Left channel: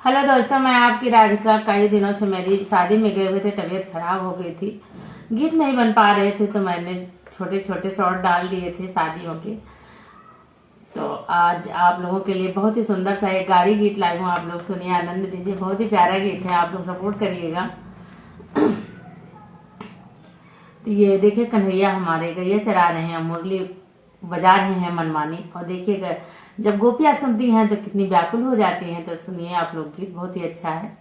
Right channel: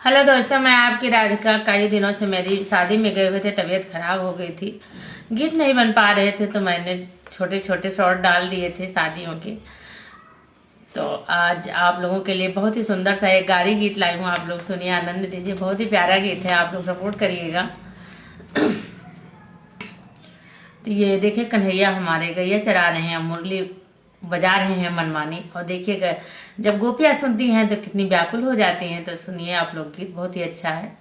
Hello दोस्तों, मैं आपकी राधिका। कई दिनों से मेरी शादी में गए हुए थे, तबीयत खराब हो गई थी, गीत नहीं बन पा रहे थे, तो मैंने छोटे छोटे शॉर्ट डाल दिए थे शादियों के। तो आज आप लोगों के लिए बहुत ही सुंदर सा एक गाड़ी गीत लाई हूँ। आप लोग सुनिए, आनंद लीजिए। बहुत ही प्यारा गीत है, आप लोग सपोर्ट करिएगा। तो ये देखिए, कन्हैया हमारे गैया चरा रहे हैं, मुरली बजा रहे हैं मनमानी। और देखिएगा, जब गोपियां सुनती हैं तो कितनी व्याकुल हो जाती हैं। तो सुनिए आप लोग, गीत बहुत ही अच्छा है।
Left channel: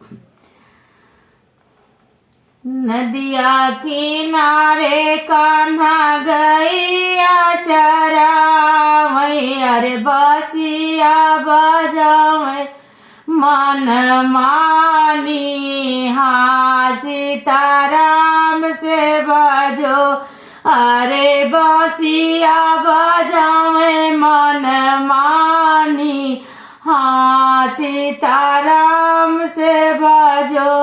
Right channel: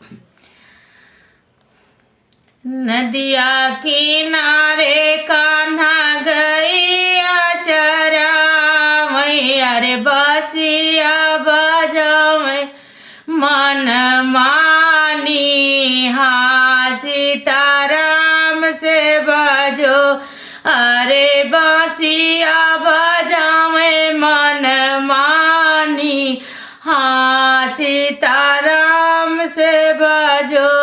नदिया किनारे कान्हा गैया चरावै, अरे बसिया बजावै मन मानी। हाँ सीताराम से बजो, अरे बसिया बजावे मन मानी। हाँ सीताराम से बजो।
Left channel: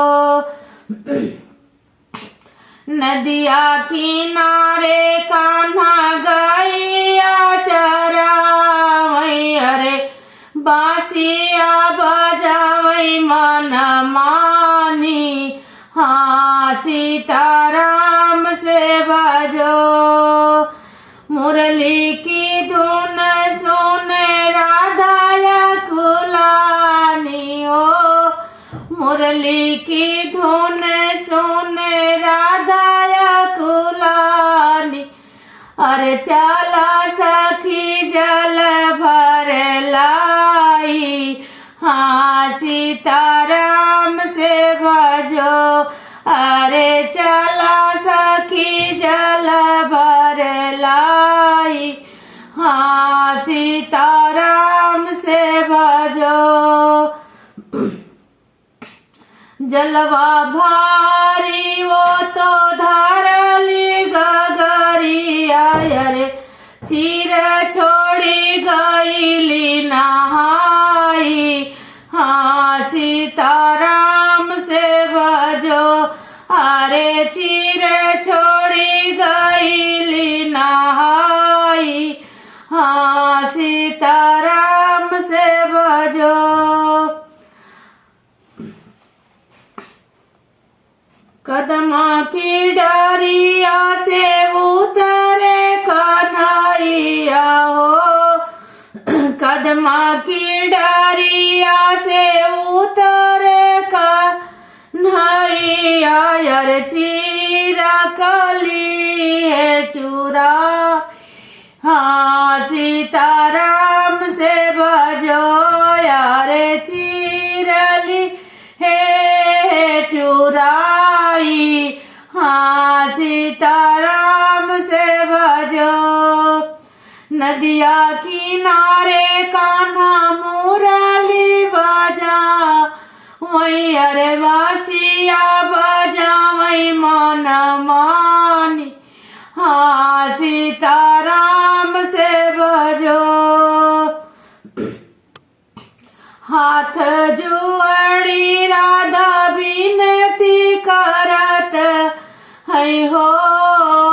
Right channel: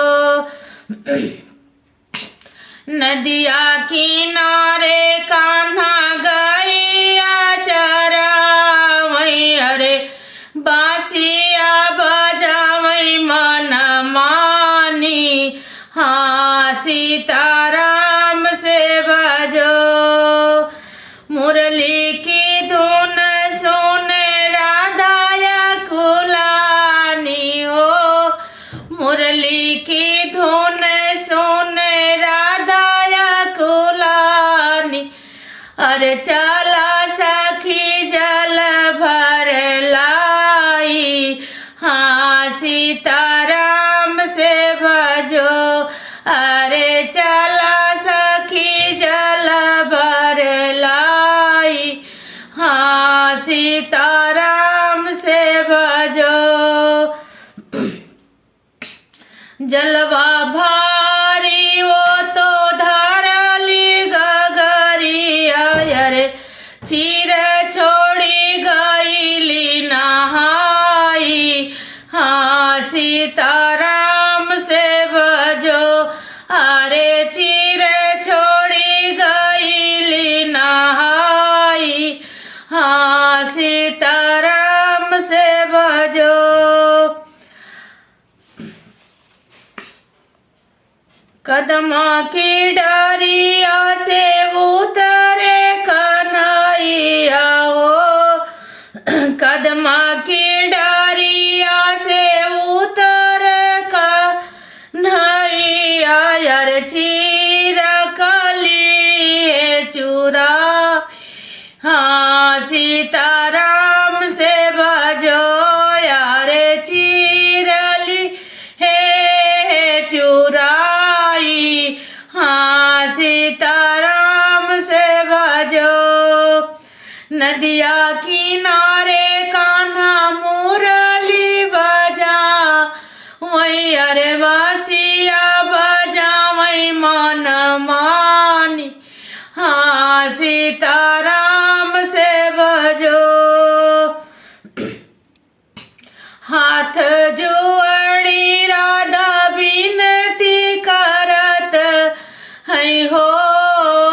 नदिया किनारे कान्हा गैया चरावै, अरे बांसिया बजावै मन मानी। हाँ सीताराम से बजो। मुरली की धुन सुन राधाया कुलानी हो, मुरली की धुन सुन राधाया कुलानी। अरे चला सखी जल भर लाई। हाँ सीताराम से बजो, अरे चला सखी जल भर लाई। हाँ सीताराम से बजो। जलवा भारी वो तो धारली गगरिया, अरे चीर छोड़ी गईली नहाई। हाँ सीताराम से बजो, अरे चीर छोड़ी गईली नहाई। हाँ सीताराम से बजो। कदमा की डरिया से उतरे कन्हैया हो, कदमा की डरिया से उतरे कन्हैया, यार चीरा कली है चूरा। हाँ सीताराम से बजो, यार चीरली है चुराई। हाँ सीताराम से बजो। नदिया किनारे कान्हा मुरली बजा वही, अरे बासिया बजा वही मन मानी। हाँ सीताराम से बजो। हाथ जुआड़ी राधा बिनती करत है हो,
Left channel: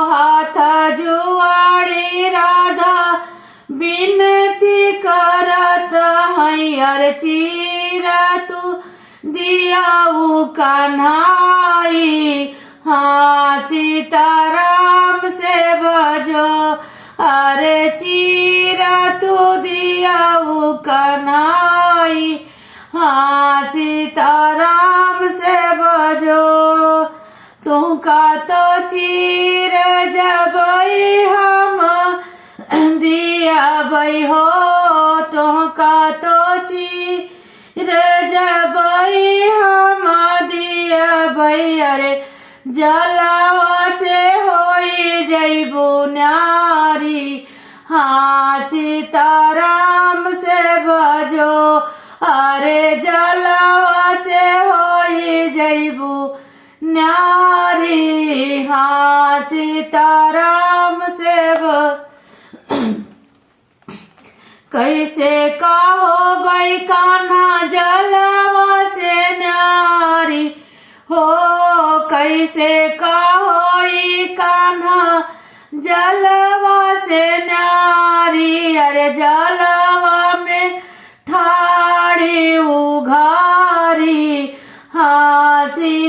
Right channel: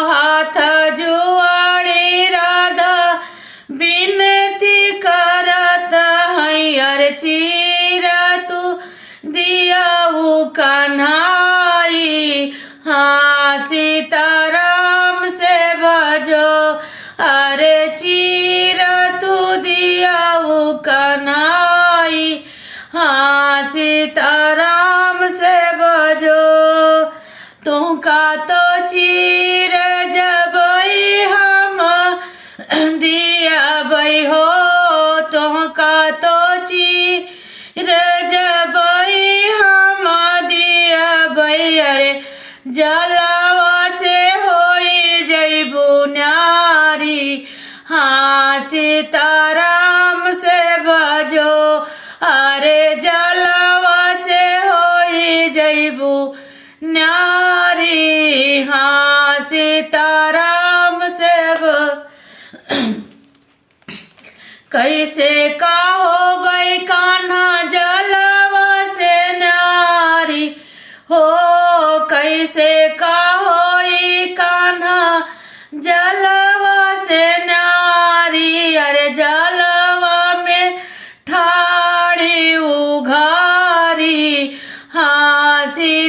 हाथ जुआड़ी राधा बिनती करत है, अरे चीरा तू दिया वो कन्हाई। हाँ सीताराम से बजो, अरे चीरा तू दिया वो कन्हाई। हाँ सीताराम से बजो। तुमका तो चीर जबई हम दिया बई हो, तुमका तो चीर जबई हम दिया बई, अरे जलावा से होई जइबू न्यारी। हाँ सीताराम से बजो, अरे जलावा से होई जइबू न्यारी। हाँ सीताराम से कैसे कहो भाई कान्हा जलावा से न्यारी हो, कैसे कहो कान्हा जलवा से न्यारी। अरे जलवा में ठाड़ी उघारी।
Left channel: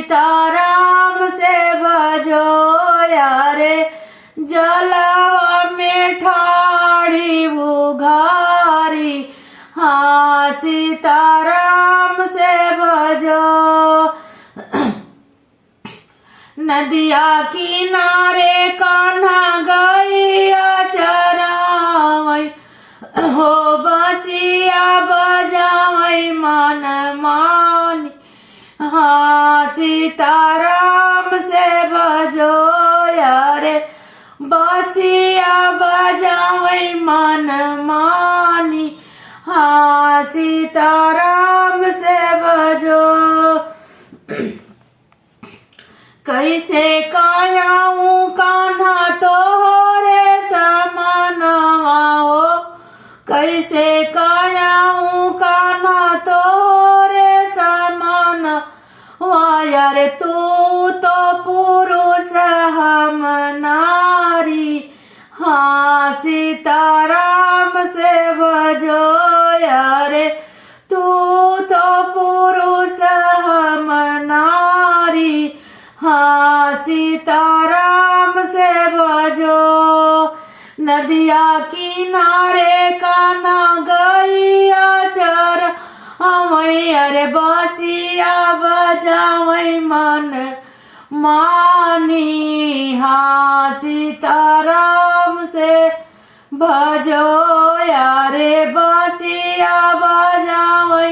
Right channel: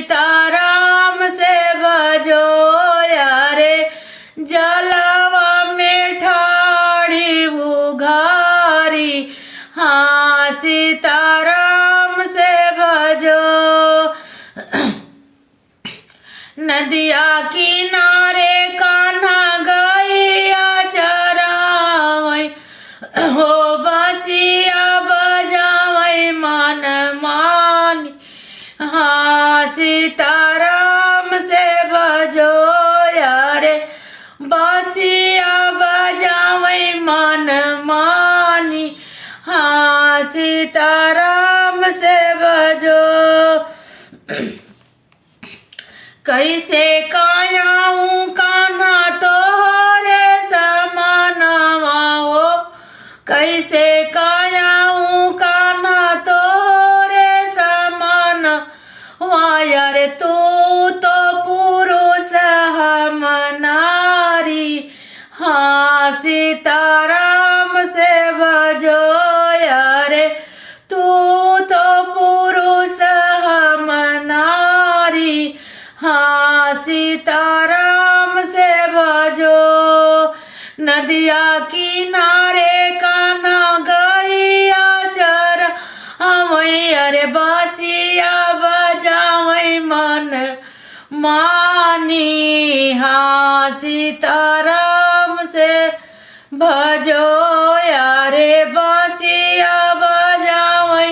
सीताराम से भजो यारे जलवा में ठाड़ी उघारी। हाँ सीताराम से भजो। नदिया किनारे कान्हा गैया चरावै हो बसिया बजावै मन मानी। हाँ सीताराम से भजो यारे बसिया बजावै मन मानी। हाँ सीताराम से भजो। कैसे कायाऊं कान्हा तोहरे समानवा हो। कैसे कायाऊं कान्हा तोहरे समान। वायर तू तो पुरुष हम नारी। हाँ सीताराम से भजो यारे तू तो पुरुष हम नारी। हाँ सीताराम से भजो। नदिया किनारे कान्हा गैया चर हवै अरे बसिया बजावै मन मानी। हाँ सीताराम से भजो यारे बसिया बजावै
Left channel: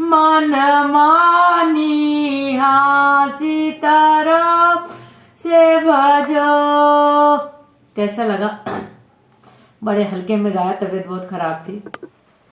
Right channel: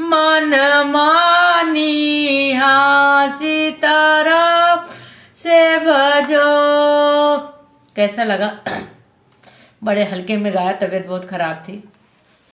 मन मानी। हाँ सीताराम से भजो। कैसा लगा? बड़े हल्के में गाया, तबीयत बहुत खराब थी।